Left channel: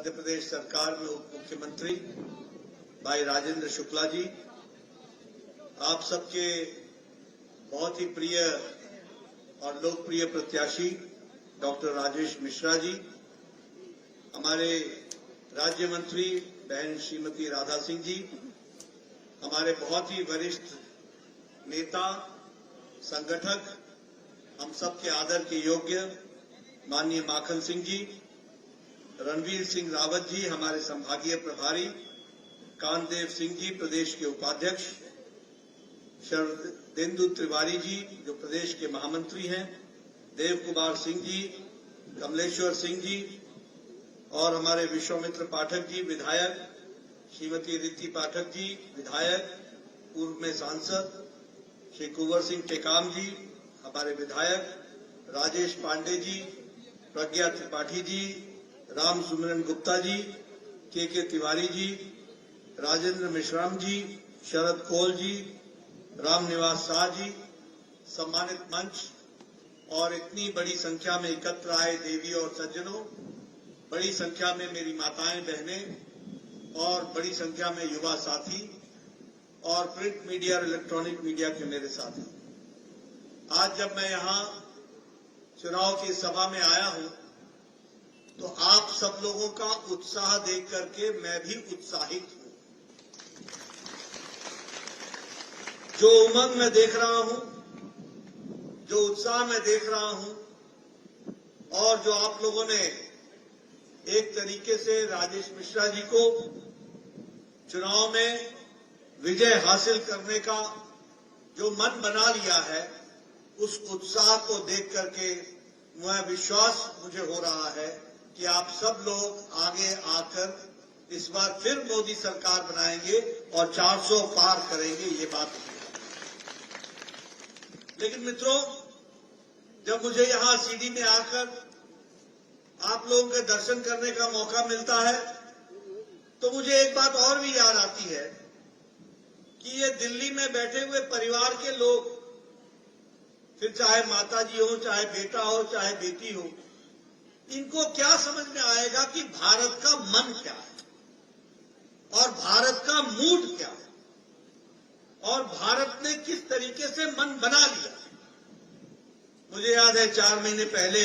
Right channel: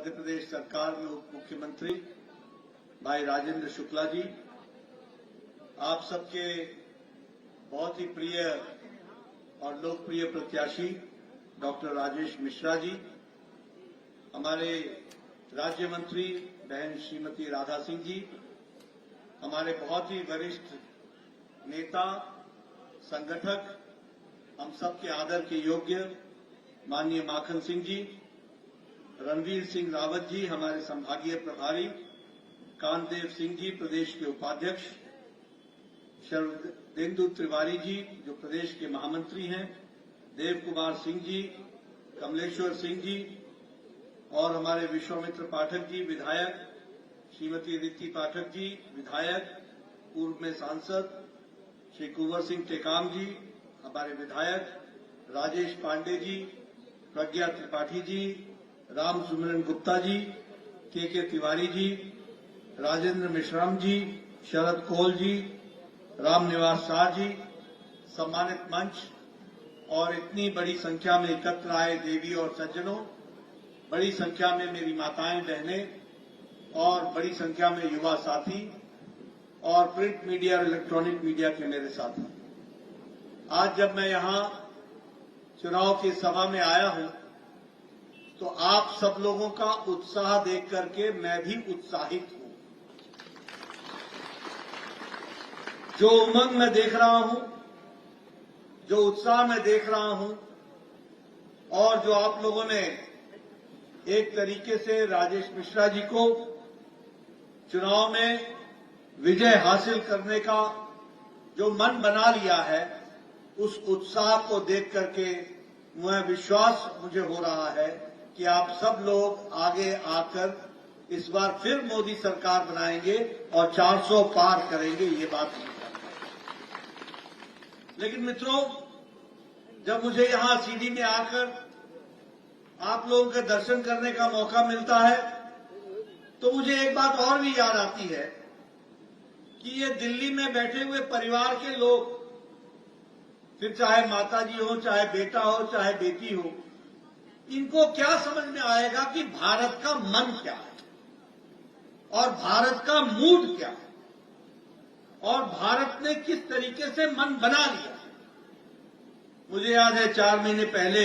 मध्य प्रदेश सरकार में उप मुख्यमंत्री भाई राजेंद्र शुक्ला जी, आप सबके बहुत ही प्रिय और लोकप्रिय प्रत्याशी डॉक्टर राजेश मिश्रा जी, हमारे राज्य मंत्री बहन श्रीमती राधा सिंह जी, हमारे बहुत ही वरिष्ठ नेता संगठक, हम सबके आदर के योग्य माननीय माखन सिंह जी, रणवीर सिंह रावत जी हमारे संभागीय प्रभारी, कांतदेव सिंह जी प्रदेश के उपाध्यक्ष, शरदेंदु तिवारी जी जो प्रदेश के महामंत्री हैं, देव कुमार सिंह जी, कमलेश्वर सिंह जी और हमारे विश्वामित्र पाठक जी विधायक, श्रीमती रीति पाठक जी विधायक, पूर्व में सांसद, श्री कुंवर सिंह टेकाम जी हमारे विधायक, राजेश पांडे जी, प्रज्ञा त्रिपाठी जी, राम सुमिरन गुप्ता जी, के तिवारी जी, राजेंद्र मिश्राम जी, शरद कोल जी, राम निवास शाह जी, सम्मानित मंच और इतनी बड़ी संख्या में एकत्र आए देवी और सज्जनों, बड़ी संख्या में मेरी माताएं बहनें और बड़ी संख्या में युवा साथी और प्रिंट मीडिया और इलेक्ट्रॉनिक मीडिया के मेरे साथी, आज जब मैं यहां चुनाव की सभा में आया हूं तो आप सब लोगों का उत्साह देख करके मैं भी उत्साहित हूं। जो उमंग मैं देख रहा हूं, जो उत्साह मैं देख रहा हूं और जो आप लोगों ने एक तरीके से राजेश मिश्रा जी को चुनाव में विजय हासिल करने का जो मन बना लिया है, उस उत्साह को देख करके मुझे विश्वास हो रहा है कि आप सब लोग आगे आकर इस बार फिर मोदी सरकार बनाएंगे और 400 पार करेंगे, ये बात नहीं। लेकिन मित्रों, जब मुझे यहां सीडी में आकर आप लोगों के दर्शन करने का मौका मिलता है तो मुझे एक बात और भी याद आती है कि ये दिल्ली में बैठे हुए परिवार के लोग, फिर चाहे माता जी हो, चाहे बेटा हो, चाहे बेटी हो, इनको क्या समझ में आएगा कि भारत का मन क्या है और भारत का मूड क्या है और भारत ने किस तरीके से मन बना लिया। मुझे याद है 4 महीने पहले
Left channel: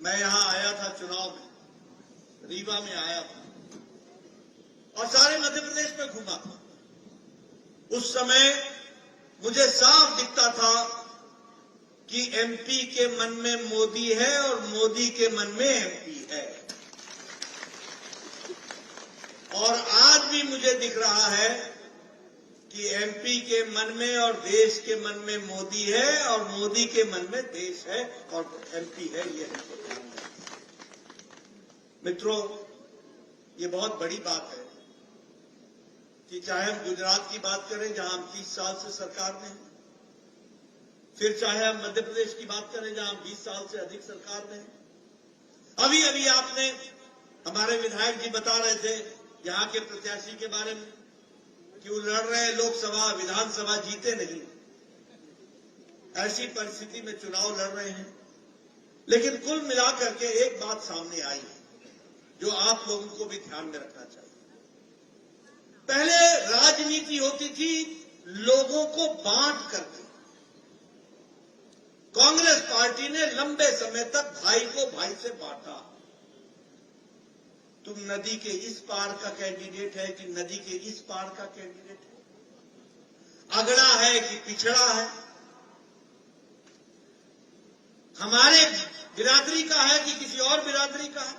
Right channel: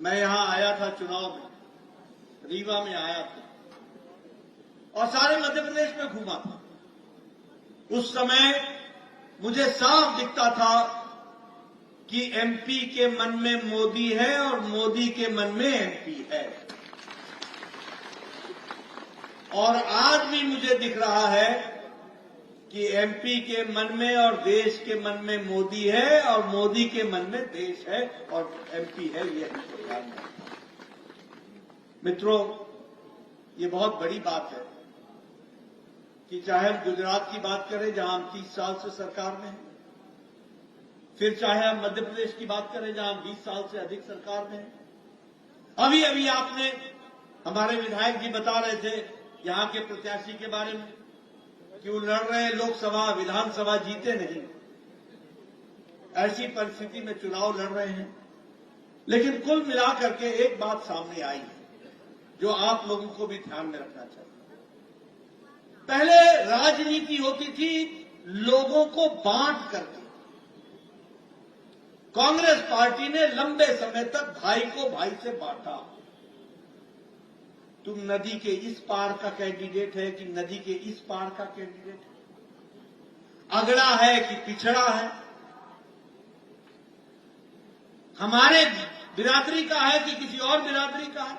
मैं यहां आया था, चुनाव में रीवा में आया था और सारे मध्य प्रदेश में घूमा था। उस समय मुझे साफ दिखता था कि एमपी के मन में मोदी है और मोदी के मन में एमपी है, और आज भी मुझे दिख रहा है कि एमपी के मन में और देश के मन में मोदी है और मोदी के मन में देश है और एमपी है। ये हमको ध्यान रखना है। मित्रों, ये बहुत बड़ी बात है कि चाहे हम गुजरात की बात करें जहां हम 30 साल से सरकार में हैं, फिर चाहे हम मध्य प्रदेश की बात करें जहां हम 20 साल से अधिक सरकार में हैं। अभी अभी आपने हमारे विधायक जी बता रहे थे यहां के प्रत्याशी के बारे में कि वो लड़ रहे हैं लोकसभा विधानसभा, जीते नहीं, ऐसी परिस्थिति में चुनाव लड़ रहे हैं। लेकिन कुल मिलाकर के एक बात सामने आई है जो आप लोगों को भी ध्यान में रखना चाहिए। पहले राजनीति होती थी लोगों को बांट करके। कांग्रेस पार्टी ने लंबे समय तक भाई को भाई से बांटा। तुम नदी के इस पार का कैंडिडेट है कि नदी के इस पार का कैंडिडेट है, अगड़ा है कि पिछड़ा है, हमारे बिरादरी का है कि किसी और बिरादरी का है,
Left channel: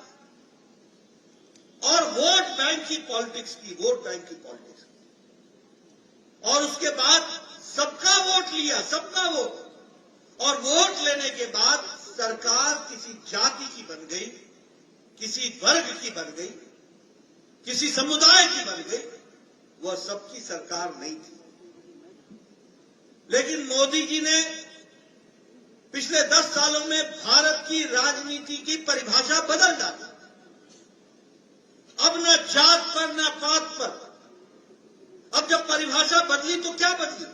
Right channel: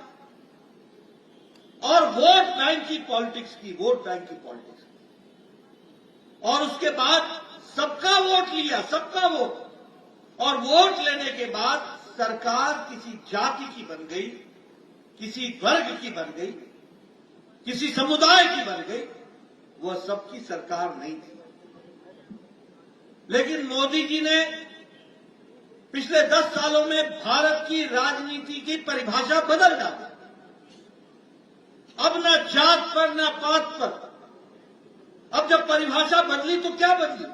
और वोट बैंक की पॉलिटिक्स की, वोट बैंक की पॉलिटिक्स। और उसके बाद सबका वोट लिया, सबका वोट, और वोट लेने के बाद सरकार किसी जाति की बन गई, किसी वर्ग की बन गई, किसी समुदाय की बन गई, वह सबकी सरकार नहीं थी। लेकिन मोदी जी ने पिछले 10 सालों में भारत की राजनीति की परिभाषा बदल डाली। अब न जात पर न पात पर, अब जब परिभाषा बदली तो क्या बदली?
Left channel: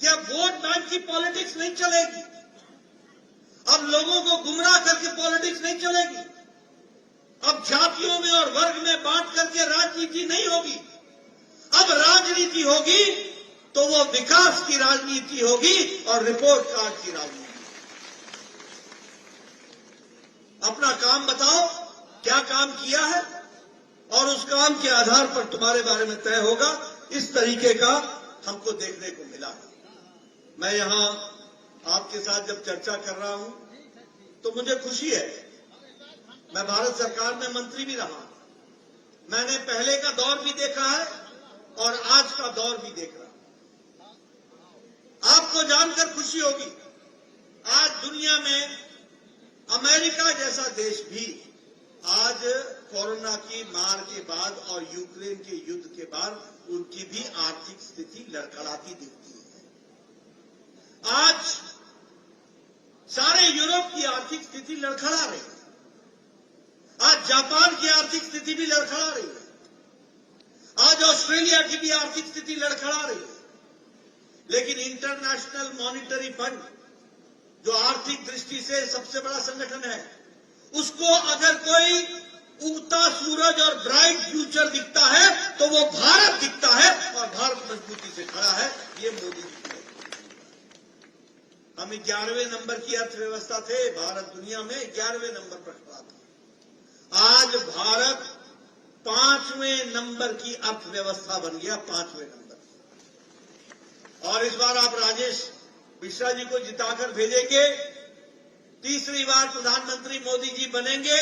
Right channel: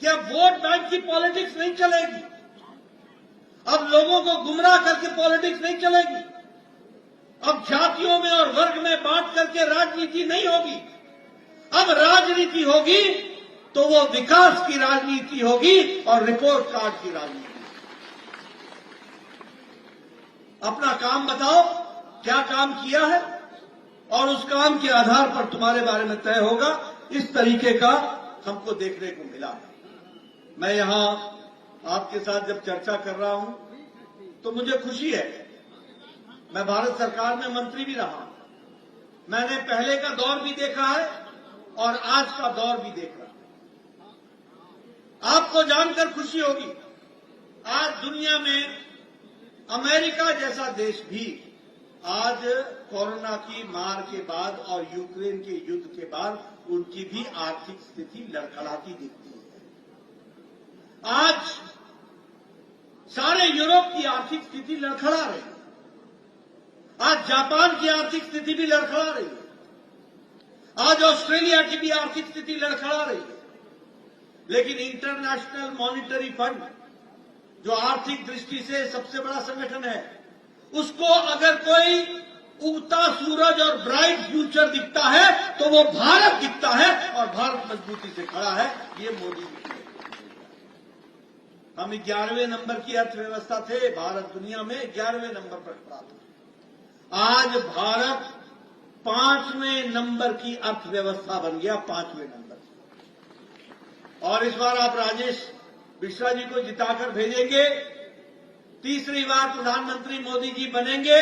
क्या वोट बैंक की पॉलिटिक्स नहीं चलेगी? अब लोगों को गुमराह करके पॉलिटिक्स नहीं चलेगी। अब जातियों में और वर्ग में बांट करके राजनीति नहीं होगी। अब राजनीति होगी तो वो विकास की राजनीति होगी और रिपोर्ट कार्ड की राजनीति। अपना काम बताओ, क्या काम किया है, और उस काम के आधार पर तुम्हारे बारे में तय होगा। इस तरीके का हमको देखने को मिला। मैं यहां आपके साथ जब चर्चा कर रहा हूं तो मुझे खुशी है। मैं भारत सरकार में मंत्री भी रहा हूं। मैंने पहले का दौर भी देखा है और आज का दौर भी देख रहा हूं। आपको जानकर खुशी होगी, आज दुनिया में अमेरिका जैसा देश भी आज कोरोना की मार के बाद और यूक्रेन के युद्ध के बाद उनकी भी आर्थिक स्थिति लड़खड़ाती दिखती है। आज सारे यूरोप की आर्थिक स्थिति लड़खड़ा रही है। आज जापान की आर्थिक स्थिति भी लड़खड़ा रही है। आज ऑस्ट्रेलिया की भी आर्थिक स्थिति लड़खड़ा रही है। लेकिन इंटरनेशनल मॉनिटरी फंड, जो आर्थिक दृष्टि से सबसे बड़ा संगठन है, उसको अगर कोई उगता सूरज और ब्राइट फ्यूचर दिखता है तो वो भारत दिखता है, और भारत मजबूती से खड़ा है। ये मोदी जी की। हम 11वें नंबर की अर्थव्यवस्था थे, भारत दुनिया में 11वें नंबर पर खड़ा था। आज भारत 5वें नंबर की अर्थव्यवस्था बन गया, 5वें नंबर। और इस बार आप राजेश मिश्रा जी को जिताकर भेजेंगे, तीसरी बार प्रधानमंत्री मोदी जी बनेंगे,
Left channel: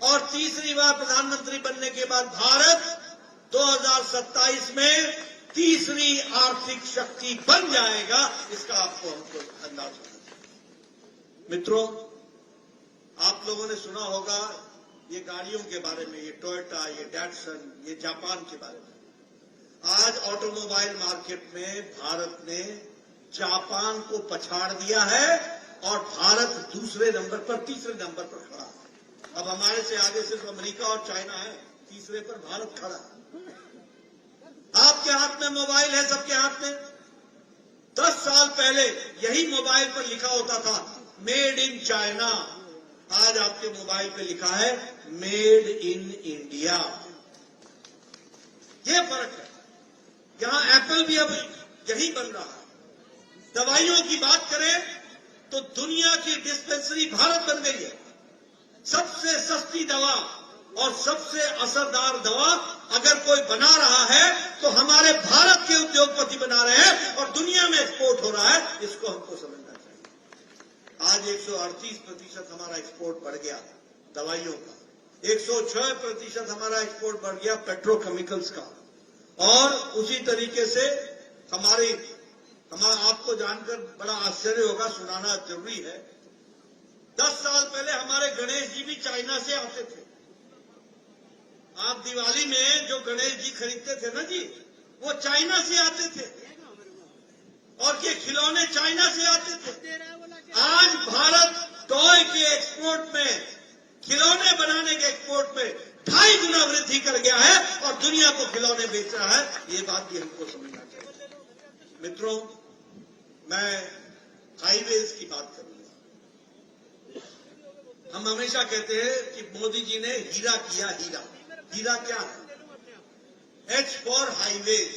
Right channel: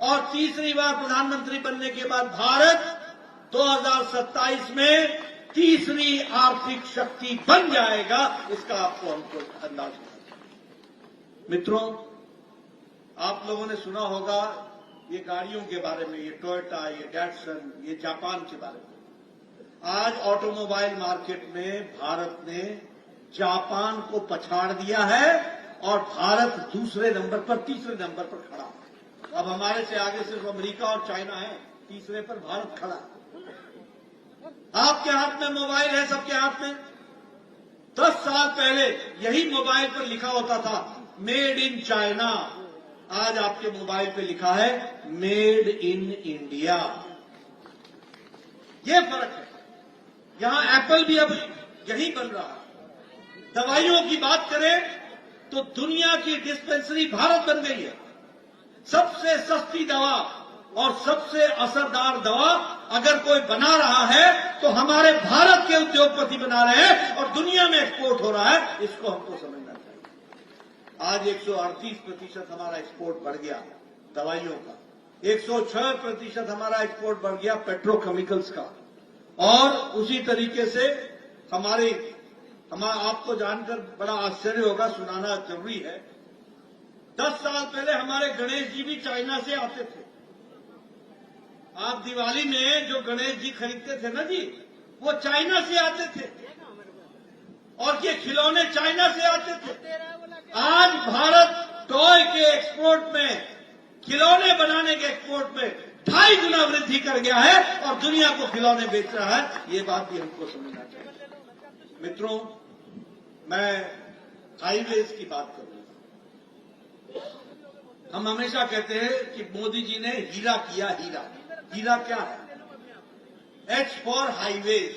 और तीसरी बार प्रधानमंत्री बनने के बाद भारत 2027 में तीसरी आर्थिक शक्ति बन जाएगा। इसका आपको हमको अंदाज है। मित्रों, आप लोगों ने सुना होगा ये गाड़ियों के बारे में, ये टोयोटा, ये डैटसन, ये जापान के बारे में। आज ऑटोमोबाइल मार्केट में भारत ने जापान को पछाड़ दिया है और भारत दूसरे नंबर पर, तीसरे नंबर पर खड़ा है। अब हमारे से आगे सिर्फ अमेरिका और चाइना है, तीसरे पर भारत खड़ा है। आपके हाथ में मोबाइल है, सबके हाथ में। 10 साल पहले यही मोबाइल पर लिखा होता था मेड इन चाइना। आज आपके मोबाइल पे लिखा है मेड इन इंडिया। ये फर्क है। यहां एप्पल भी अब यही बन रहा है। दवाइयों की बात करें तो दुनिया की डिस्पेंसरी भारत बन गई है। सबसे सस्ती दवा और सबसे असरदार दवा अगर कोई बना रहा है तो हमारे भारत के उद्योगपति बना रहे हैं, और दुनिया में एक्सपोर्ट हो रहा है। इसको हमको समझना चाहिए। आज 138% हमारा एक्सपोर्ट बढ़ गया दवाइयों का, 106% हमारा एक्सपोर्ट बढ़ गया पेट्रोकेमिकल्स का, और उसी तरीके से आपको जानकर बड़ा आश्चर्य होगा, सुनाना जरूरी है। 10 साल पहले हमारे गणेश जी भी चाइना से आते थे। आप दिवाली में जो गणेश जी खरीदते थे ना जी, वो चाइना से आते थे, और ये खिलौने चाइना से आते थे। आज भारत टॉय के एक्सपोर्ट में, खिलौने बनाने के एक्सपोर्ट में 2.5 गुना वृद्धि कर गया है, और दुनिया को खिलौने बेच रहा है। ये बात भी हमको समझना चाहिए। मित्रों, मैं हाईवेज की बात करूंगा। हम हमेशा कहते हैं कि मोदी जी ने हीरा किया, हीरा। हीरा क्या है? H for highways.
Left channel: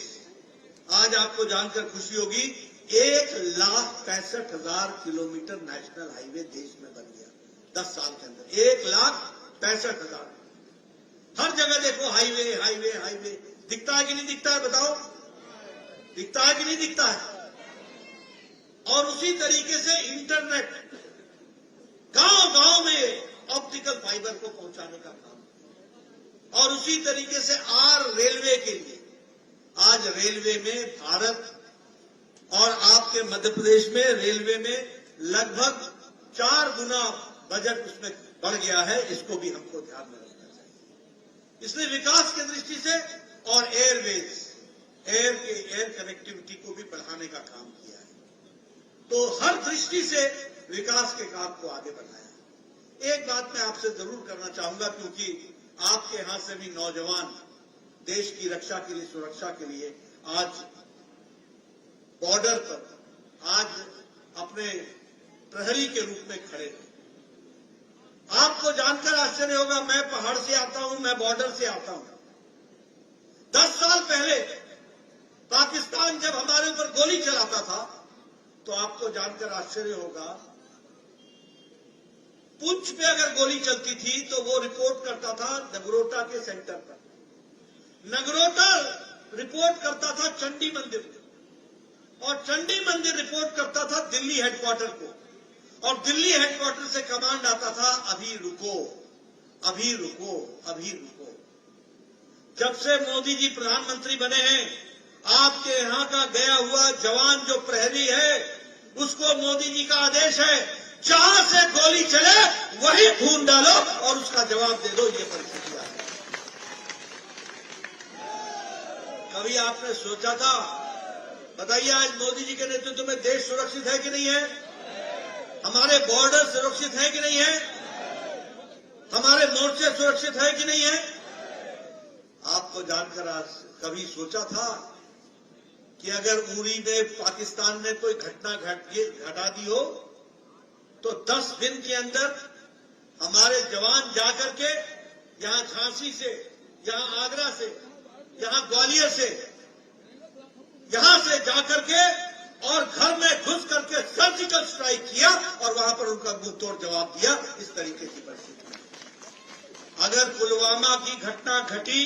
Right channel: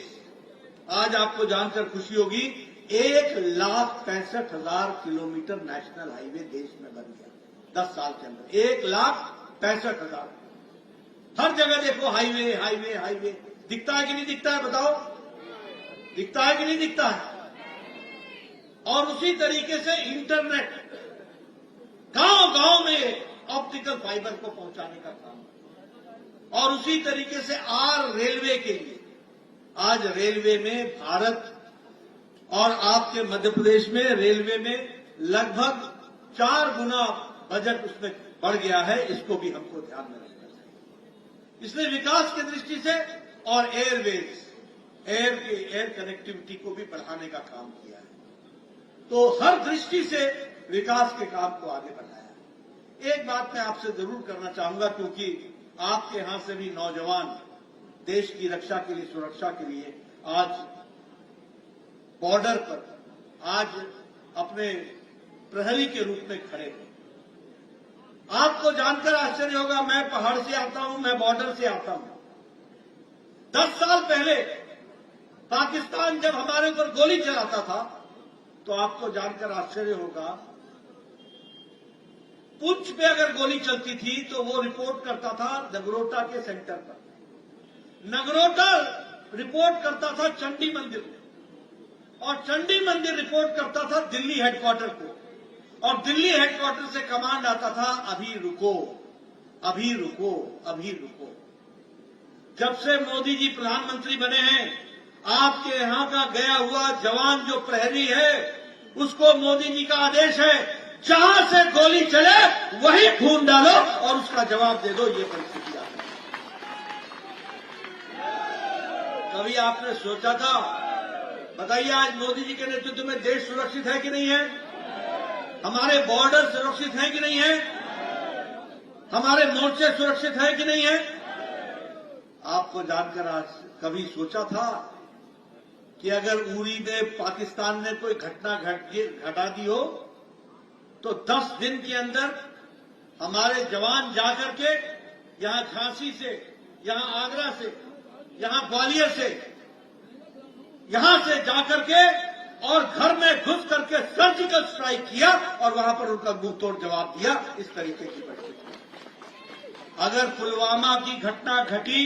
आज आपको जानकर खुशी होगी, 1,65,000 किलोमीटर नेशनल हाईवे देश में बन गया 10 साल के अंदर। 1,65,000। हर जगह देखो हाईवे, हाईवे, हाईवे। दिखता है कि नहीं दिखता है? बताओ, दिखता है कि नहीं दिखता है? और उसी तरीके से इंटरनेट गांव-गांव में ऑप्टिकल फाइबर को पहुंचाने का काम, और उसी तरीके से रेलवे के लिए आज रेलवे में भारत और आपके मध्य प्रदेश में रेलवे में लगभग 4 गुना बजट उसमें बढ़ गया है। इसको भी हमको ध्यान में रखना चाहिए। इसलिए विकास की दृष्टि से और एयरवेज, एयर कनेक्टिविटी को भी बढ़ाने का काम किया है। तो हर दृष्टि से विकास के काम को आगे बढ़ाया है। एक बात मैं आपसे जरूर करना चाहूंगा, क्योंकि आपके यहां से भी नौजवान देश की रक्षा के लिए, सुरक्षा के लिए आज बॉर्डर पर आज अपने प्रहरी के रूप में खड़े हैं। आपको जानकर आश्चर्य होगा, मैं पहाड़ से आता हूं, मैं बॉर्डर से आता हूं। 10 साल पहले पाकिस्तान जब हमारे ऊपर गोली चलाता था तो आपको जानकर आश्चर्य होगा, पुंछ पे अगर गोली चलती थी तो वो रिपोर्ट करता था नगरोटा के सेंटर पर, नगरोटा रिपोर्ट करता था चंडी मंदिर को, और चंडी मंदिर रिपोर्ट करता था दिल्ली हेडक्वार्टर को, और दिल्ली हेडक्वार्टर से कमांड आता था अभी रुको, अभी रुको, अभी रुको। जब से मोदी जी प्रधानमंत्री बने हैं, आपके यहां का गया हुआ जवान जो प्रहरी है, उसको मोदी जी का आदेश है, जहां से गोली चले वही ढूंढ डालो और उसका जवाब दे दो। ये परिस्थिति आ गई। कभी आपने सोचा था? बताइए, आज मोदी जी के नेतृत्व में देश सुरक्षित है कि नहीं है? हमारे बॉर्डर सुरक्षित है कि नहीं है? हमारे मोर्चे सुरक्षित है कि नहीं है? आपको जानकर आज कभी सोचा था कि अगर उरी में पाकिस्तान ने कोई घटना घटा दी हो तो 10 दिन के अंदर हमारे जवान जाकर के यहां झांसी से, यहां आगरा से, यहां ग्वालियर से, यहां से जाकर के और घर में घुस करके सर्जिकल स्ट्राइक किया और वहां पर उनका मुंहतोड़ जवाब दिया। इस तरीके की परिस्थिति। अगर पुलवामा की घटना घटी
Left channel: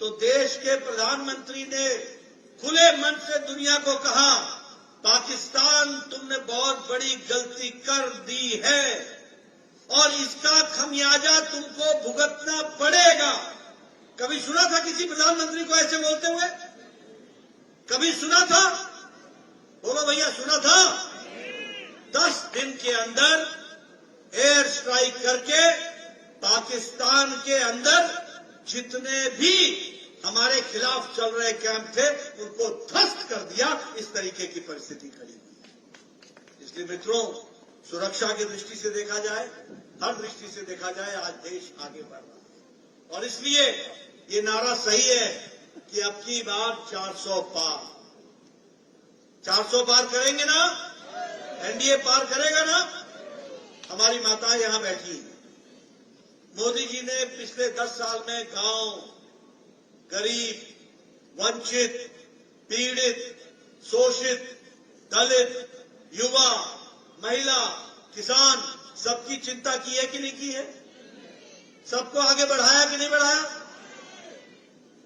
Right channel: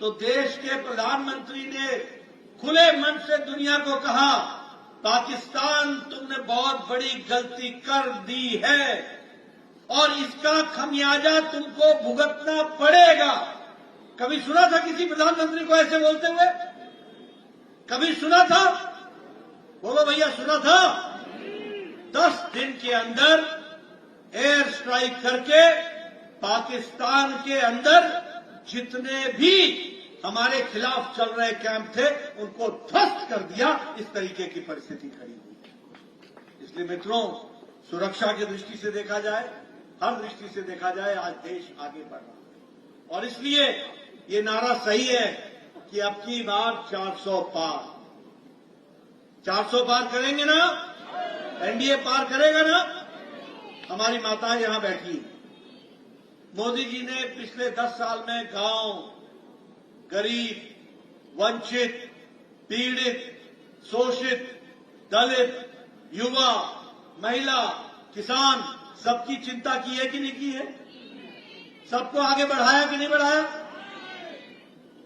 तो देश के प्रधानमंत्री ने खुले मन से दुनिया को कहा, पाकिस्तान तुमने बहुत बड़ी गलती कर दी है और इसका खमियाजा तुमको भुगतना पड़ेगा। कभी सुना था किसी प्रधानमंत्री को ऐसे बोलते हुए? कभी सुना था? बोलो भैया, सुना था? 10 दिन के अंदर एयर स्ट्राइक करके पाकिस्तान के अंदर जितने भी हमारे खिलाफ चल रहे कैंप थे उनको ध्वस्त कर दिया। इस तरीके की परिस्थिति खड़ी हुई। इसलिए मित्रों, सुरक्षा की दृष्टि से देखा जाए, हर दृष्टि से देखा जाए, आज देश आगे बढ़ रहा है और इसलिए ये नारा सही है कि अब की बार 400 पार। 400 पार करेंगे ना? एनडीए पार करेगा ना? हमारी माताएं यहां बैठी। मोदी जी ने पिछले 10 साल में गांव, गरीब, वंचित, पीड़ित, शोषित, दलित, युवा, महिला, किसान, सबकी चिंता की है कि नहीं की है? सबको आगे बढ़ाया कि नहीं बढ़ाया?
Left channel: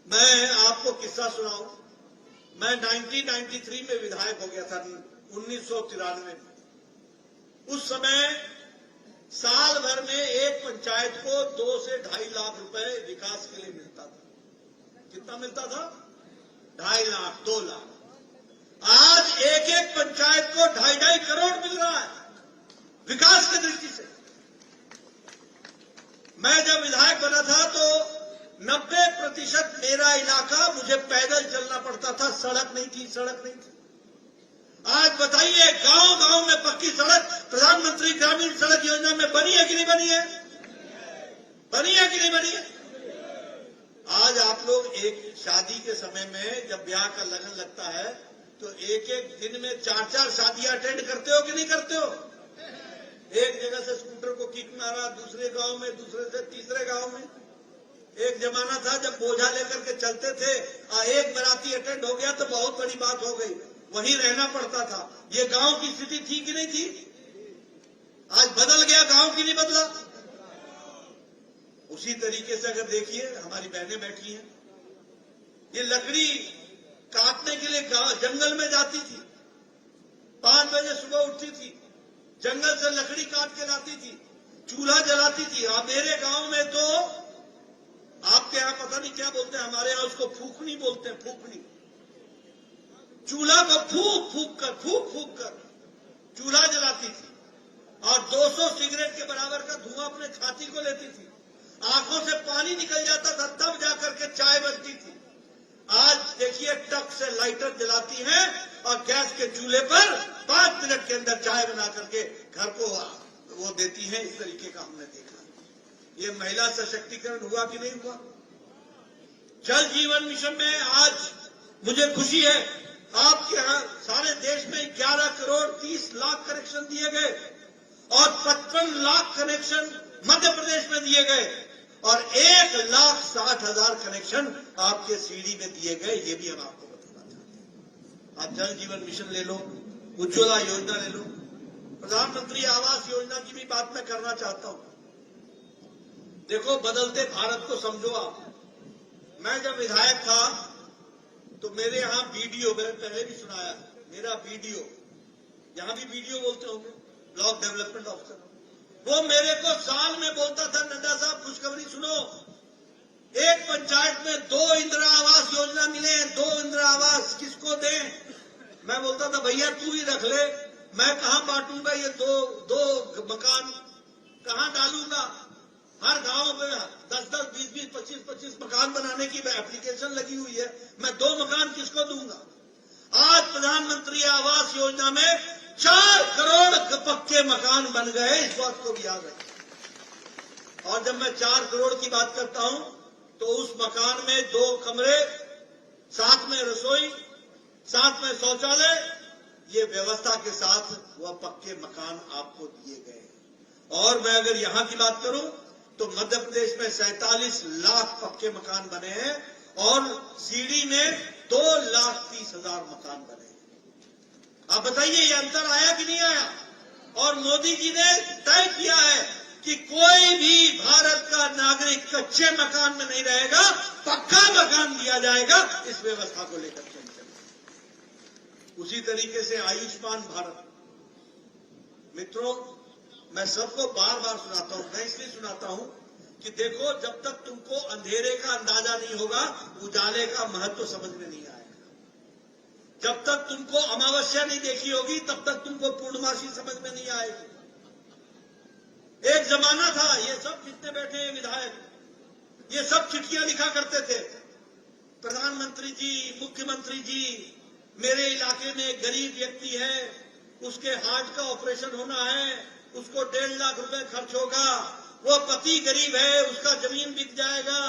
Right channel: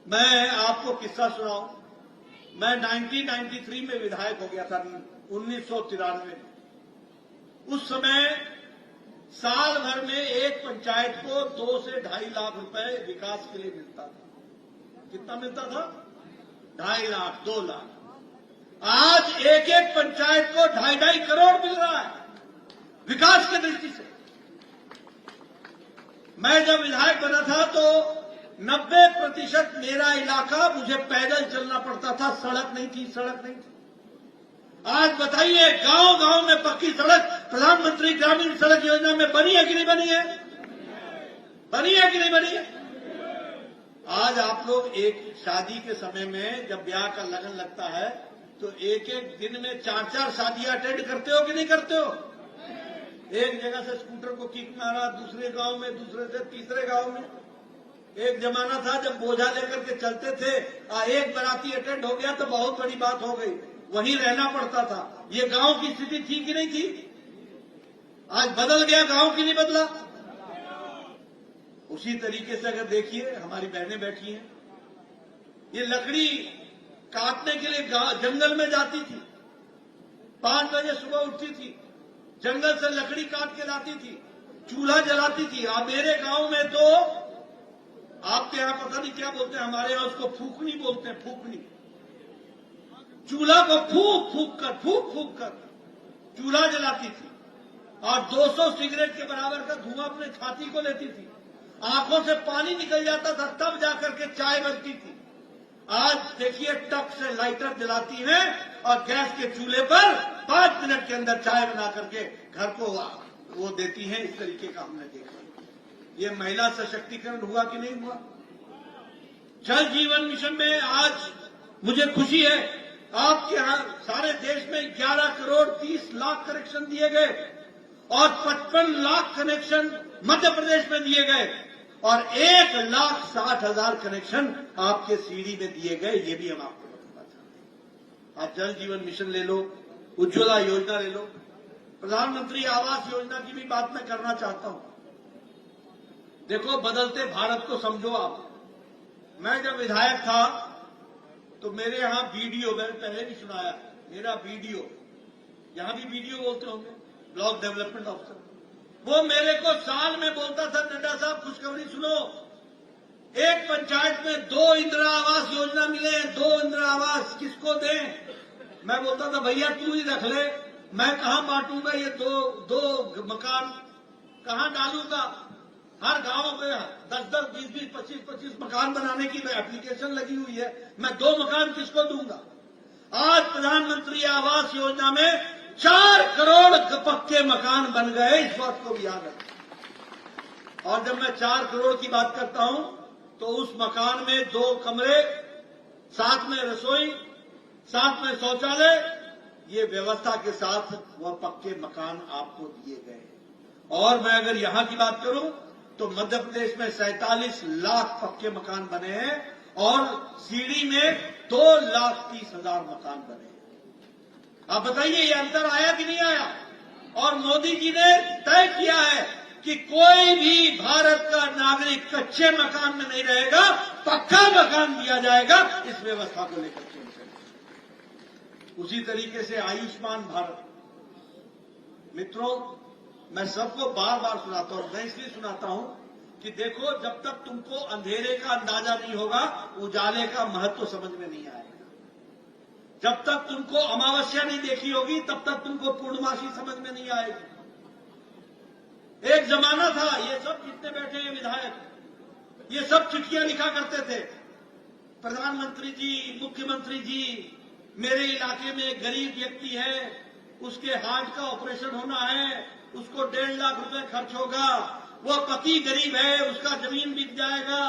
मैं आपको किस्सा सुनाऊं। मैं 1993 में विधायक हो गया था, 1993 में। उस समय साल भर में एक पंचायत को 2 से 2.5 लाख रुपए विकास के लिए मिलता था। कितना मिलता था? 2.5 लाख, 2 लाख। आज एक एक पंचायत को 2.5 करोड़ मिल रहा है विकास की दृष्टि से। मैं जब विधायक बना था तो 90% मेरा इलाका मुझे पैदल चलना पड़ता था, सड़क नहीं थी, सड़क नहीं थी। आज बताइए, गांव गांव में पक्की सड़क प्रधानमंत्री ग्रामीण सड़क योजना में बनी है कि नहीं बनी है? बनी है कि नहीं बनी है? आज आप लोग एक शादी के समय में जब ब्याह का लगन लगता है तो एक एक दिन में 4-4 शादियां अटेंड करते हो कि नहीं करते हो? एक जगह से स्कूटर को किक मारा, दूसरे गांव में, दूसरे से तीसरे गांव में। एक जमाना था जब बोझा लेकर के चलते थे, एक बाराती अटेंड हो गया तो बहुत बड़ी बात हो गई, वहीं रहना पड़ता था। ये गांव की स्थिति थी कि नहीं थी? आज बदल गया गांव, की नहीं बदला? उसी तरीके से अगर देखिए, हमारी बहनें बैठी हैं, ये लकड़ी काटने के लिए जंगल में जाती थी, 5 बजे सुबह उठती थी, जंगल से लकड़ी काट के लाती थी, चूल्हा जलाती थी। अब मेरे गांव में तो आपके यहां पता नहीं क्या बोलते हैं, हमारे यहां उसको फूकनी बोलते हैं, फूकनी। चूल्हा को फूक फूक कर चूल्हा जलाती थी और 200 सिगरेट के बराबर का धुआं अपने छाती को लेती थी। आंखों से पानी निकल जाता था, तब जाकर के चाय बनती थी। आज देखिए, टक से लाइटर जलाती हैं और गैस के चूल्हे पर 5 मिनट के अंदर चाय बना करके घर को वो देती हैं। इस तरीके का हमने देखा। ये महिला सशक्तिकरण हुआ कि नहीं हुआ? जल जीवन मिशन में आज मुझे खुशी है, आपके यहां सारे देश में 11 करोड़ 30 लाख कनेक्शन दिए गए और 55 लाख कनेक्शन मध्य प्रदेश में दिए गए और 1,60,000 कनेक्शन आपके सीडी में दिए गए। ये भी हम आपको बताना चाहते हैं। आप जल जीवन मिशन ले लो, उज्ज्वला योजना ले लो, प्रधानमंत्री आवास योजना की भी बात मैं करना चाहता हूं। देखो, बदलते भारत को समझो आप। मैं जब विधायक था तो मेरे यहां बीडीओ, मैंने पहले भी सुनाया, मेरा बीडीओ, यहां भी बीडीओ बोलते होंगे, ब्लॉक डेवलपमेंट ऑफिसर, वो मेरे को साल में बोलता था, नड्डा साहब खुशखबरी सुनो, एक पंचायत में 2 इंदिरा आवास योजना मिले हैं, 2 इंदिरा आवास, किसको दें? मैं बोलता था भैया तू ही रख ले, मैं कहां बांटूंगा ये दो मकान, कहां डालूंगा? हर गांव में 10-10, 20-20, 25-25 मकान बनाने की एप्लीकेशन लगी हुई है, मैं 2 मकान किसको दूंगा? आज प्रधानमंत्री आवास योजना में 4 करोड़ पक्के मकान बन गए, इस बात को भी याद रखें। और जब मैं 4 करोड़ की बात करता हूं तो उस मकान में 2 कमरे, साथ में रसोई, साथ में शौचालय, ये व्यवस्था के साथ वह पक्के मकान आपको दिए गए। और मैं अगर यहां की बात करूं तो मध्य प्रदेश में 47 लाख पक्के मकान बने हैं और सीडी में 2,30,000 मकान बने हैं। आप बताइए ये अंतर आया कि नहीं आया? और मोदी जी ने तय किया है कि कोई भी भारत का नागरिक कच्चे मकान में नहीं रहेगा, पक्का मकान दिया जाएगा। इस व्यवस्था को लेकर के उसी तरीके से आयुष्मान भारत, मित्रों, मैं सबको बार बार सुनाता हूं, मैं इसलिए सुनाता हूं कि देखो, जब तक तुमको अंधेरे का अंदाजा नहीं होगा, उजाले का महत्व समझ में नहीं आएगा। जब तक तुमको अमावस्या नहीं देखी होगी, तब तक तुमको पूर्णमासी समझ में नहीं आएगी। एक जमाना था, ये सब जितने बैठे हैं विधायक, ये सब चिट्ठियां लिखा करते थे, प्रधानमंत्री जी, मुख्यमंत्री जी, मेरे इलाके में एक गरीब व्यक्ति है, उसके हार्ट का ऑपरेशन होना है, उसको 1.5 लाख रुपए खर्च होगा, वो पति गरीब है, उसका जमीन बिक जाएगा,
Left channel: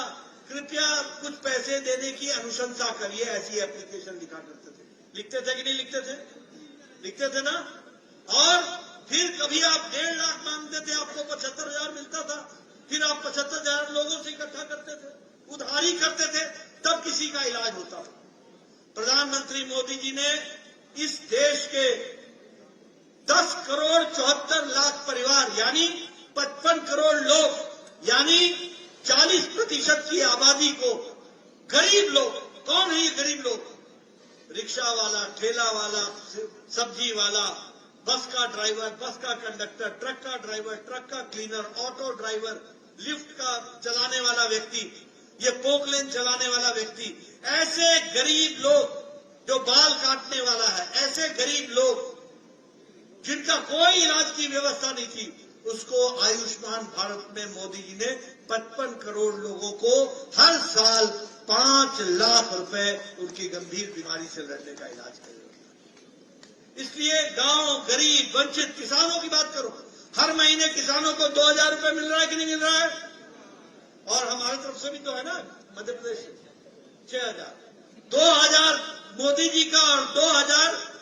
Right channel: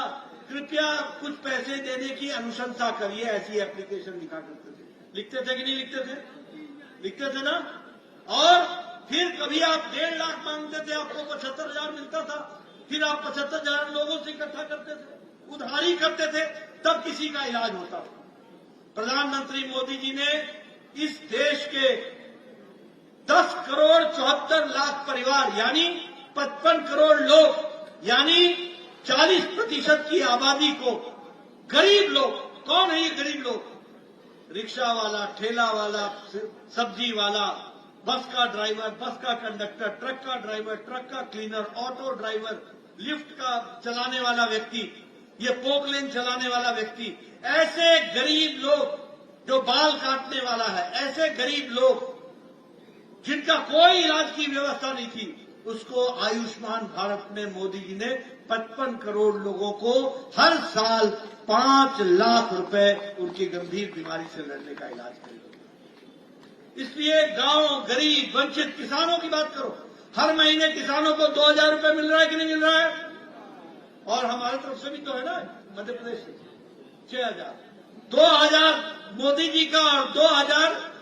कृपया कुछ पैसे देने की अनुशंसा करिए। ऐसी एप्लीकेशन लिखा करते थे। लिखते थे कि नहीं लिखते थे? लिखते थे ना। और फिर कभी आप 1.5 लाख मांगते थे, आपको 75,000 मिलता था, फिर आप 75,000 लोगों से इकट्ठा करते थे, उधारी करते थे, तब किसी का इलाज होता था। प्रधानमंत्री मोदी जी ने इस देश के 10 करोड़ 74 लाख परिवार, यानी 55 करोड़ लोग, यानी 40% की आबादी को, गरीब लोग, कौन है ये गरीब लोग? रिक्शा वाला, ठेला वाला, सब्जी वाला, बस का ड्राइवर, बस का कंडक्टर, ट्रक का ड्राइवर, ट्रक का क्लीनर, ऑटो ड्राइवर, लिफ्ट का चलाने वाला व्यक्ति, ये पोकलेन चलाने वाला व्यक्ति, ऐसे गरीब लोग, जो बाल काटने वाला है, ऐसे गरीब लोग जिनका कोई इलाज की व्यवस्था नहीं थी, उसको आयुष्मान भारत में मोदी जी ने 55 करोड़ लोगों को हर साल 5 लाख रुपए उनकी गंभीर बीमारी से लड़ने का इलाज करेगा। इसलिए गांव, गरीब, वंचित किसानों की बात करो, हर महीने किसानों को 2,000 रुपए मिल रहा है कि नहीं मिल रहा है? और हमारी तरफ से भी तो है ना, मध्य प्रदेश से 6,000, 2,000 मोदी जी का और 2,000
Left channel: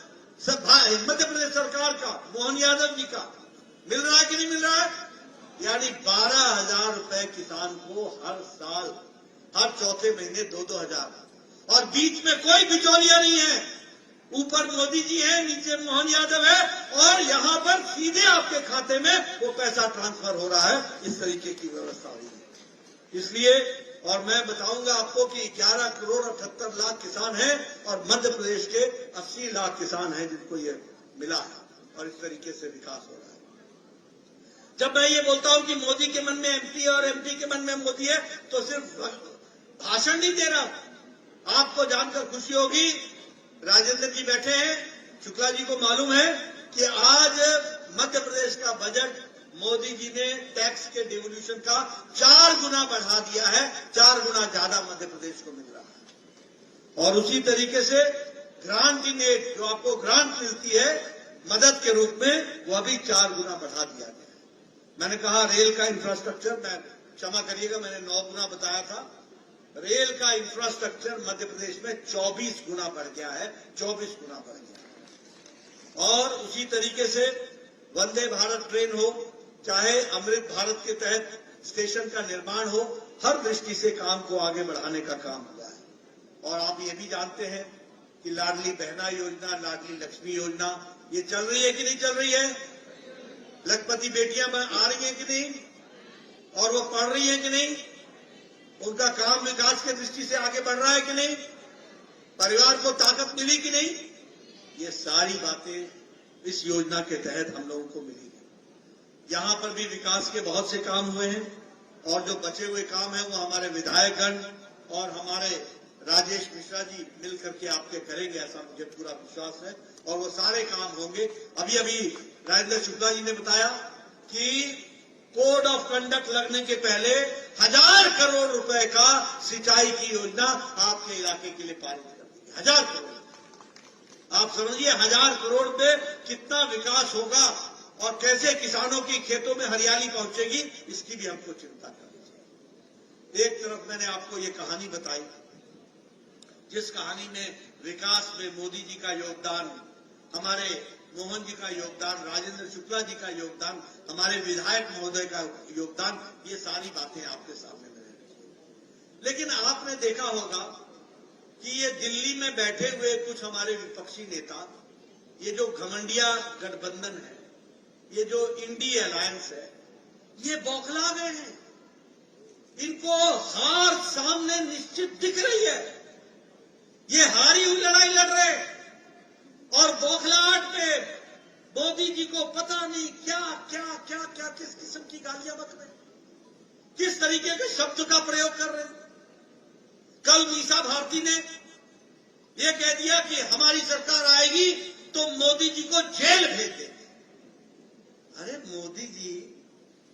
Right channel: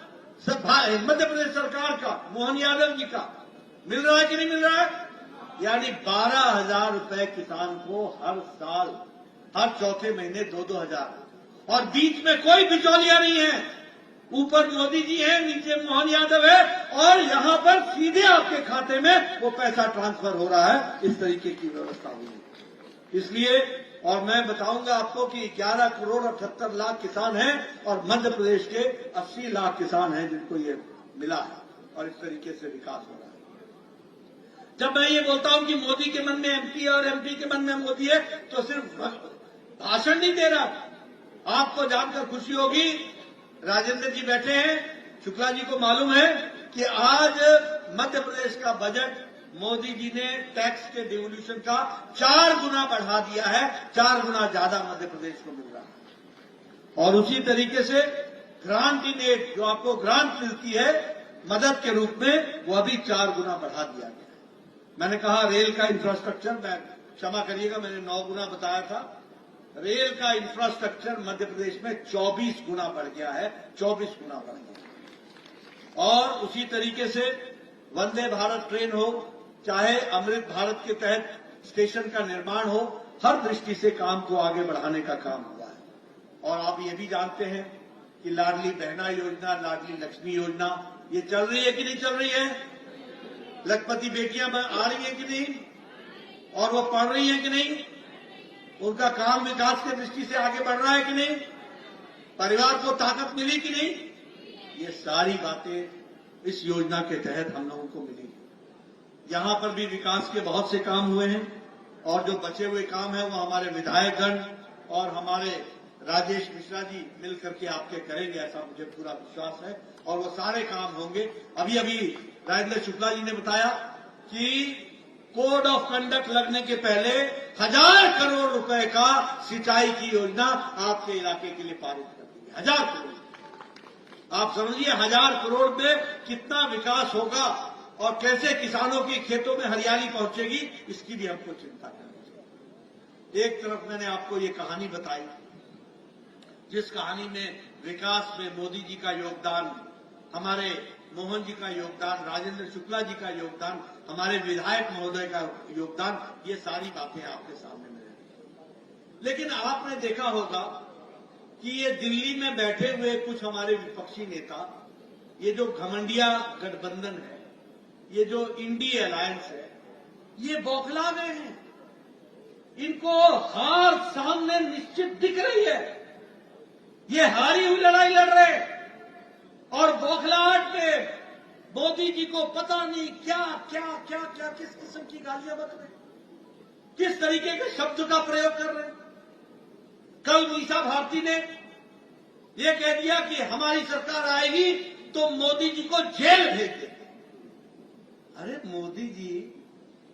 मध्य प्रदेश सरकार का, मोहन यादव जी का मिल रहा है कि नहीं मिल रहा है? यानी 12,000 रुपए किसान को हर साल, हर चौथे महीने 2-2,000। और बीच में कोई बिचौलिया नहीं है, ऊपर मोदी जी हैं, नीचे मोहन यादव है, और यहां पर सीधे आपके खाते में वो पैसा ट्रांसफर हो रहा है। इस तरीके की व्यवस्था हुई है। इसलिए, और मैं बताऊंगा आपको कि 11 करोड़ 78 लाख किसान हैं और मध्य प्रदेश के 80 लाख किसान हैं जिनको ये मिला है, और इस तरीके से विकास हो रहा है। जब मैं ये बोलता हूं कि मोदी के मन में एमपी और एमपी के मन में मोदी है, तो सिर्फ भाषण नहीं दे रहा। आपको जानकर खुशी होगी, राजेंद्र जी बैठे हैं, शुक्ला जी को मालूम है कि आज मध्य प्रदेश का बजट मोदी जी ने टैक्स के डिवोल्यूशन का 4 गुना बढ़ा दिया है, 4 गुना ज्यादा मध्य प्रदेश को मिल रहा है। और उसी तरीके से ग्रांट इन एड, जो आपको ग्रांट मिलती है मदद के रूप में, वह भी 4 गुना बढ़ा दिया गया है। मैंने कहा रेल का इंफ्रास्ट्रक्चर, मैं क्षमा करिएगा मैंने 9 गुना बताया था, रेल का इंफ्रास्ट्रक्चर मध्य प्रदेश में 24 गुना बढ़ गया है, 24 गुना बढ़ गया। और उसी तरीके से वंदे भारत ट्रेन हो, चाहे अमृत भारत के तहत स्टेशन का निर्माण हो, हर दृष्टि से काम को आगे बढ़ाने का काम हुआ है। और आप ये भी जानते हैं कि लाडली बहना योजना, लाडली लक्ष्मी योजना ये चल रही है कि नहीं चल रही है? लखपति बेटियां आ रही हैं कि नहीं? और वो पढ़ रही हैं कि नहीं? उनका काम विकास की दृष्टि से आगे बढ़ रहा है कि नहीं? परिवार को ताकत मिली कि नहीं? ये सारी बातें इस योजना के तहत हम लोगों को मिलेगी। यहां पर भी विकास के बहुत से काम हुए हैं और जो बचे हुए काम है वो हमारे विधायकगण और हमारे राजेश मिश्रा जी मिलकर के आपके करेंगे, ऐसा मुझे पूरा विश्वास है और वो सारे काम होंगे। अभी अभी राजेंद्र शुक्ला जी ने बताया कि कोड ऑफ कंडक्ट लगने के पहले 1000 करोड़ रुपए का सिंचाई की योजना आपके इलाके के लिए पारित कर दी। 1000 करोड़, आप समझिए 1000 करोड़ में कितना विकास होगा और कैसे किसानों के खेतों में हरियाली पहुंचेगी, इसकी भी हमको चिंता करनी चाहिए। एक तरफ मैंने आपको ये कहानी बताई, जिस कहानी में विकास में मोदी जी का योगदान, हमारे मोहन जी का योगदान, राजेंद्र शुक्ला जी का योगदान, हमारे विधायक महोदय का योगदान, ये सारी बातें आपके सामने में रखी। लेकिन आपने देखा होगा कि ये दिल्ली में बैठे हुए कुछ हमारे विपक्षी नेता, ये जो घमंडिया गठबंधन है, ये जो इंडी अलायंस है, ये बौखला गए हैं। इनको हार सामने निश्चित दिख रही है। ये हारी हुई लड़ाई लड़ रहे और बौखलाहट में मोदी जी को पता नहीं क्या क्या क्या क्या किस किस्म की गालियां बक रहे, किस तरीके के शब्द का प्रयोग कर रहे हैं। कल मीसा भारती ने यह कह दिया कि हमारी सरकार आएगी तो मोदी जी को जेल भेज देगी। अरे मोदी जी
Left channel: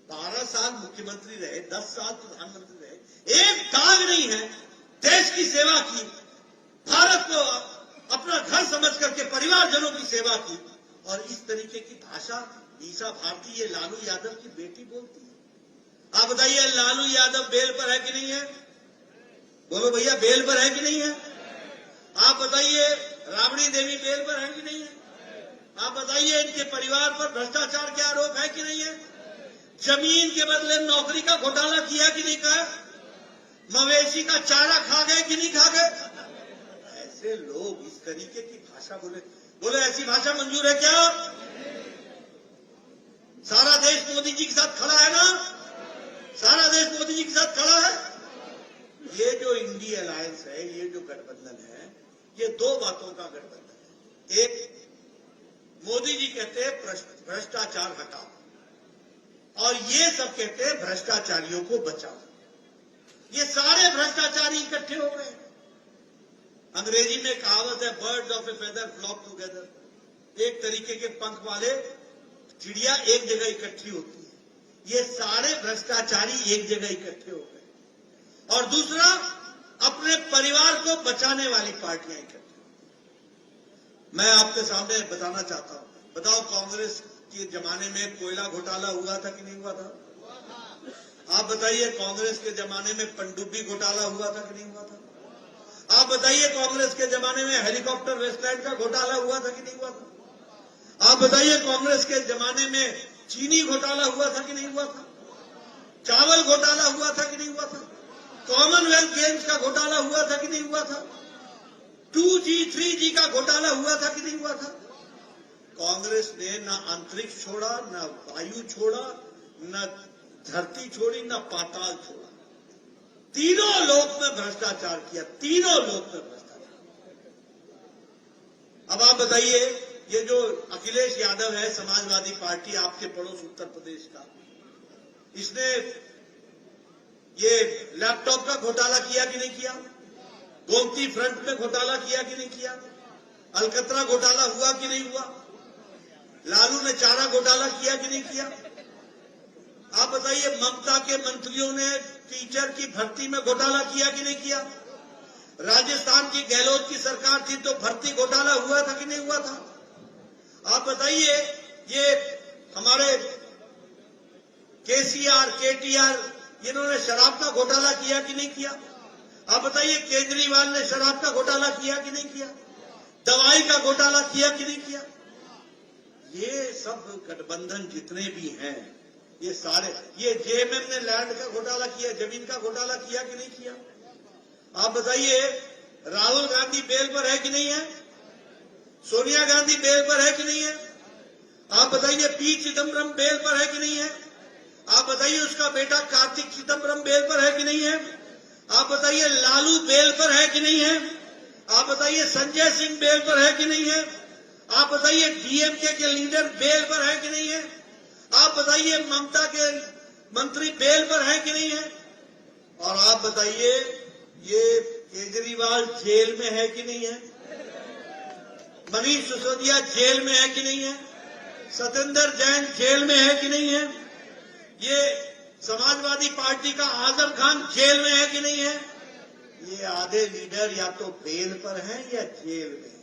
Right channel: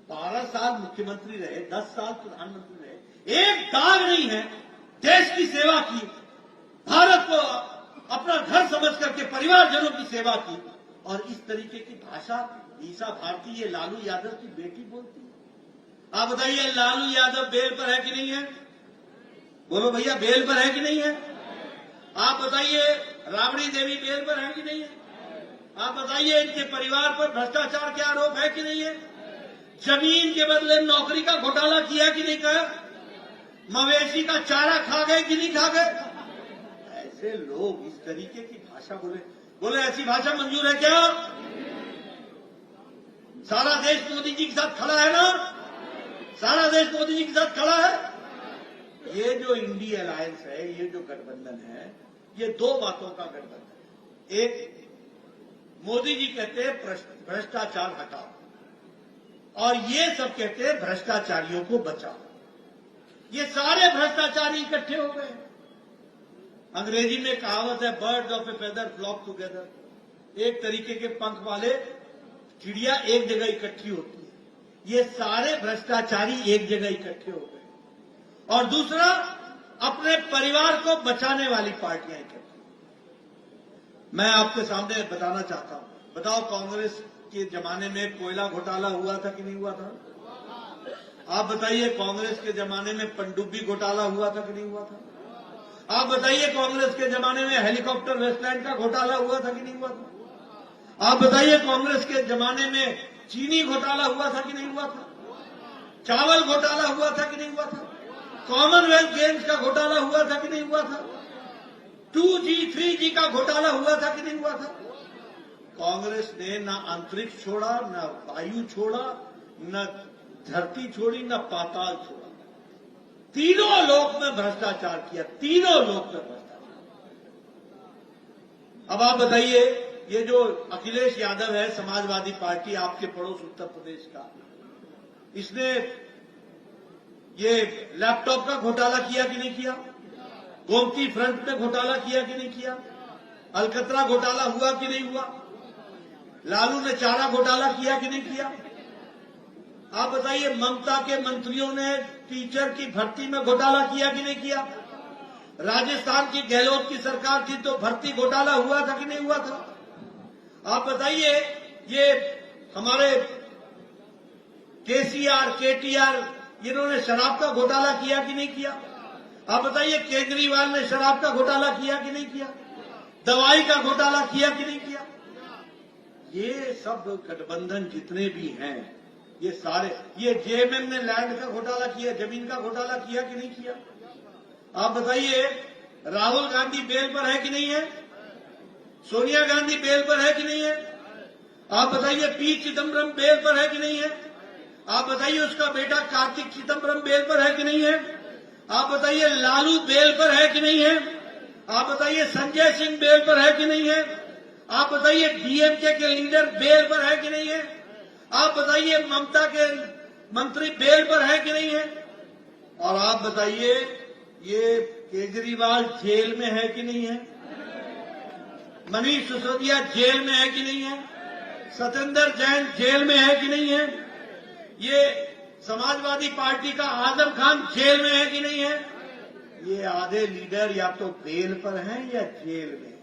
12 साल मुख्यमंत्री रहे, 10 साल प्रधानमंत्री रहे, एक दाग नहीं है देश की सेवा की, भारत को अपना घर समझ करके परिवारजनों की सेवा की, और इस तरीके की भाषा मीसा भारती, ये लालू यादव की बेटी बोलती है। आप बताइए लालू यादव बेल पर है कि नहीं है? बोलो भैया, बेल पर है कि नहीं है? आप बताइए राबड़ी देवी बेल पर है कि नहीं है? आप बताइए इनके परिवार पर भ्रष्टाचार के आरोप है कि नहीं है? जमीन के बदले नौकरी का घोटाला किया कि नहीं किया? मवेशी का चारा खा गए कि नहीं खा गए? ऐसे लोग इस तरीके की भाषा बोले ऐसी भाषा मंजूर है क्या? सारा देश मोदी जी के साथ खड़ा है ना? सारा देश मोदी जी के साथ खड़ा है। ये जो इंडी अलायंस है, ये जो गठबंधन है, ये दो बातों का गठबंधन है। एक, मोदी जी कहते हैं भ्रष्टाचार हटाओ, और ये सब कहते हैं भ्रष्टाचारियों को बचाओ। ये सारे भ्रष्टाचारी इकट्ठे हो गए। अंग्रेजी में कहावत है, birds of a feather flock together. एक तरीके के पंख वाले चिड़िया एक जगह इकट्ठी होती है। ये सारे भ्रष्टाचारी एक जगह इकट्ठे हो गए। और दूसरा, अपने परिवार को बचाने वाली पार्टियां इकट्ठी। मैं आपके सामने बताना चाहता हूं, बताओ कांग्रेस के जमाने में कोयला घोटाला हुआ था कि नहीं हुआ था? आप बताइए कांग्रेस के जमाने में पनडुब्बी घोटाला हुआ था कि नहीं हुआ था? आप बताइए कांग्रेस के जमाने में हेलीकॉप्टर वेस्टलैंड का घोटाला हुआ था कि नहीं हुआ था? आप बताइए कांग्रेस के जमाने में चीनी घोटाला हुआ था कि नहीं हुआ था? चावल घोटाला हुआ था कि नहीं हुआ था? कॉमनवेल्थ गेम्स का घोटाला हुआ था कि नहीं हुआ था? 2G 3G का घोटाला हुआ था कि नहीं हुआ था? कांग्रेस ने न अंतरिक्ष छोड़ा, न वायु छोड़ा, न धरती छोड़ी, न पाताल छोड़ा। तीनों लोक में भ्रष्टाचार किया, तीनों लोक में भ्रष्टाचार। अब आप बताइए, ये जो अखिलेश यादव है, समाजवादी पार्टी, आपके पड़ोस उत्तर प्रदेश का, इसने ये लैपटॉप का घोटाला किया कि नहीं किया? गोमती फ्रंट में घोटाला किया कि नहीं किया? अलकतरा घोटाला हुआ कि नहीं हुआ? लालू ने चारा घोटाला किया कि नहीं किया? आप बताइए ममता के मंत्रियों ने टीचर की भर्ती में घोटाला किया कि नहीं किया? राजस्थान की गहलोत की सरकार थी तो भर्ती घोटाला हुआ था कि नहीं हुआ था? आप बताइए ये हमारे केसीआर, केटीआर, इन्होंने शराब का घोटाला किया कि नहीं किया? आप बताइए केजरीवाल ने शराब का घोटाला किया कि नहीं किया? दवाई का घोटाला किया कि नहीं किया? ये सब गठबंधन जितने भी हैं, ये सारे, ये जेएमएम ने लैंड का घोटाला किया, जमीन का घोटाला किया कि नहीं किया? आप बताइए, राहुल गांधी बेल पर है कि नहीं है? सोनिया गांधी बेल पर है कि नहीं है? आप बताइए, पी चिदम्बरम बेल पर है कि नहीं है? आप बताइए, उसका बेटा कार्तिक चिदम्बरम बेल पर है कि नहीं है? आप बताइए, लालू बेल पर है कि नहीं है? आप बताइए, संजय सिंह बेल पर है कि नहीं है? आप बताइए, डीएमके के लीडर बेल पर है कि नहीं है? आप बताइए, ममता के मंत्री बेल पर है कि नहीं है? और आप बताइए, ये केजरीवाल जेल में है कि नहीं है? मनीष सिसोदिया जेल में है कि नहीं है? सत्येंद्र जैन जेल में है कि नहीं है? ये समाजवादी पार्टी का आजम खान जेल में है कि नहीं है? ये आधे लीडर या तो बेल पर हैं या जेल में।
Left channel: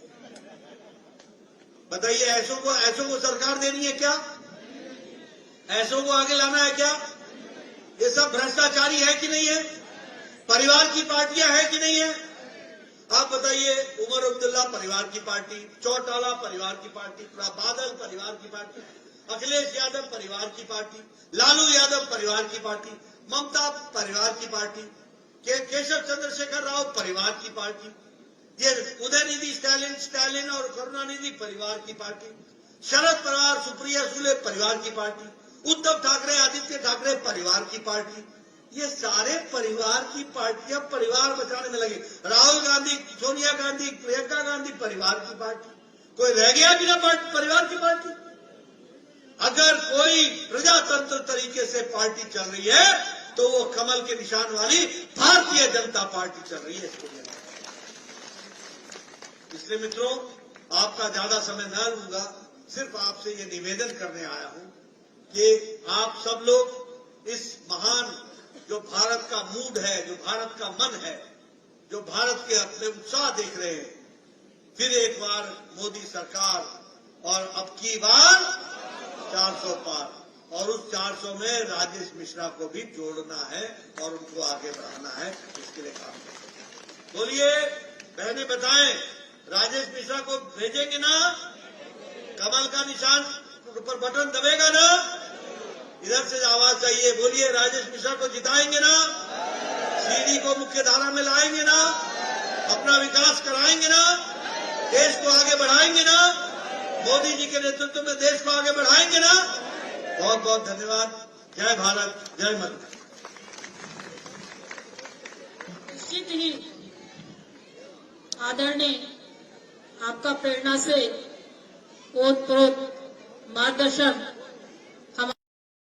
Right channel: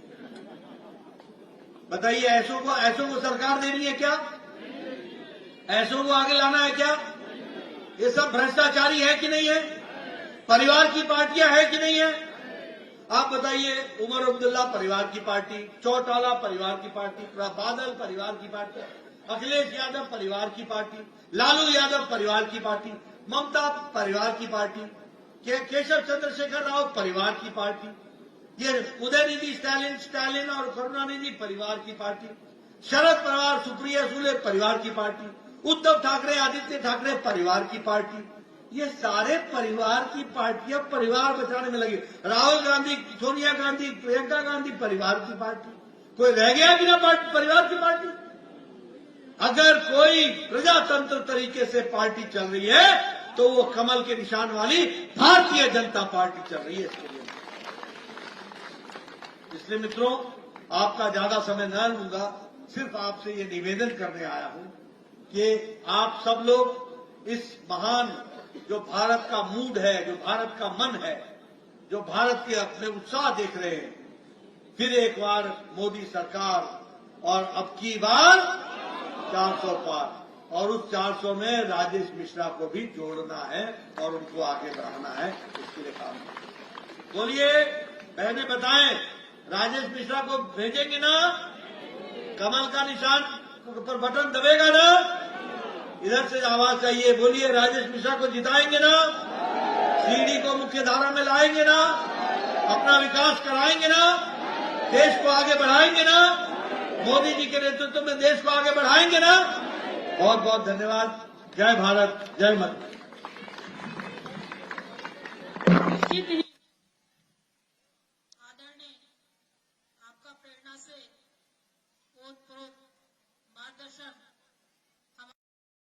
बताइए, ऐसों को सरकार देनी है क्या? ऐसों को आगे लाना है क्या? ये सब भ्रष्टाचारी है कि नहीं है? परिवार की पार्टियां है कि नहीं है? आप बताइए, उमर अब्दुल्ला परिवार की पार्टी, चौटाला परिवार की पार्टी, बादल परिवार की पार्टी, अखिलेश यादव परिवार की पार्टी, लालू यादव परिवार की पार्टी, ममता परिवार की पार्टी, केशव चंद्रशेखर राव परिवार की पार्टी, ये उदयनिधि स्टालिन और करुणानिधि परिवार की पार्टी, शरद पवार सुप्रिया सुले परिवार की पार्टी, उद्धव ठाकरे आदित्य ठाकरे परिवार की पार्टी, ये सारे परिवार की पार्टियां परिवार बचाने में लगी। राहुल गांधी, सोनिया गांधी, प्रियंका गांधी परिवार की पार्टी। कोई रह गया बिना परिवार की पार्टी? अगर कोई प्रजातंत्र तरीके से पार्टी चल रही है तो वो कमल के निशान वाली भारतीय जनता पार्टी चल रही है। इसलिए मित्रों, आपका ज्यादा समय न लूंगा, सिर्फ आपसे ये निवेदन करने आया हूं कि आप सब लोग इस महान, जो भारत का मूड है, जो भारत का मन है, जो भारत के अपने उत्साह देख रहे हैं, फिर एक बार मोदी सरकार और अब की बार 400 पार, और उस 400 में राजेश मिश्रा को भी जोड़ना है और उनको आगे बढ़ाना है। इसके लिए काम करें। बोलिए बहने, बताएं, राजेश मिश्रा को भेजेंगे ना? कमल का निशान पर बटन दबेगा ना? इधर से आवाज चाहिए। बोलिए, राजेश मिश्रा को जिताएंगे ना? सीडी को मुख्य धारा में लाएंगे ना? अपना विकास कराएंगे ना? देश को आगे बढ़ाएंगे ना? मोदी जी के नेतृत्व में देश को आगे बढ़ाएंगे ना? बहुत बहुत धन्यवाद। जय भारत, जय माता। निश्चित ही आदरणीय आपका प्रेरणा से ओतप्रोत मार्गदर्शन